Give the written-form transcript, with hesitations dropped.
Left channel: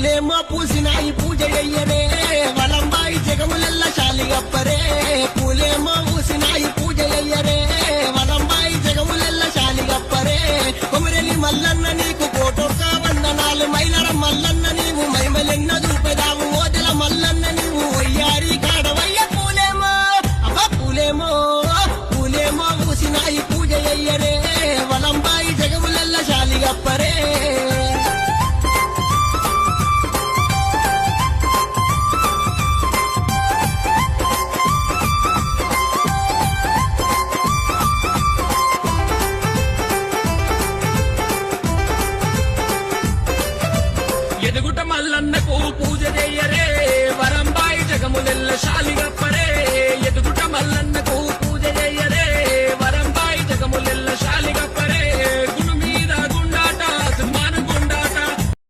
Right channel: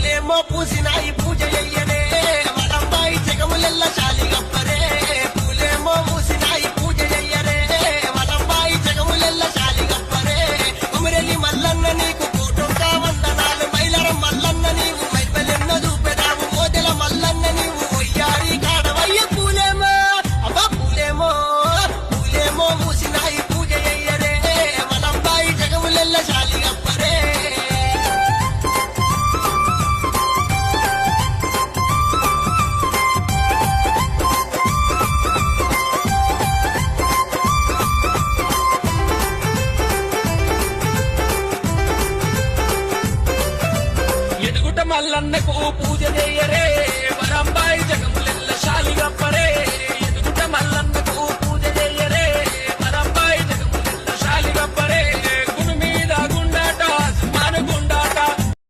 పూలేమో పూసినాయి పూజ అయ్యనే వలంబాయి జగములెల్ల శాలిగప్పరే పూలేమో పూసినాయి పూజ అయ్యరే వలంబాయి జగములెల్ల శాలిగప్పరే కొమరెల్లి మల్లన్న నీకు కోటొక్క వందనాలు మైలరం మల్లన్న నీవు మైమలెన్న చూపెదావు ఓదెల మల్లన్న నీవు వయ్యారి కాడవయ్య పూలేమో అబ్బా పూలేమో పూలేమో పూసినాయి పూజ అయ్యరే వలంబాయి జగములెల్ల శాలిగప్పరే ఎదుగుట మల్లన్నకు పూజ చెయ్యరే వరంబాయి జగములెల్ల శాలిగప్పరే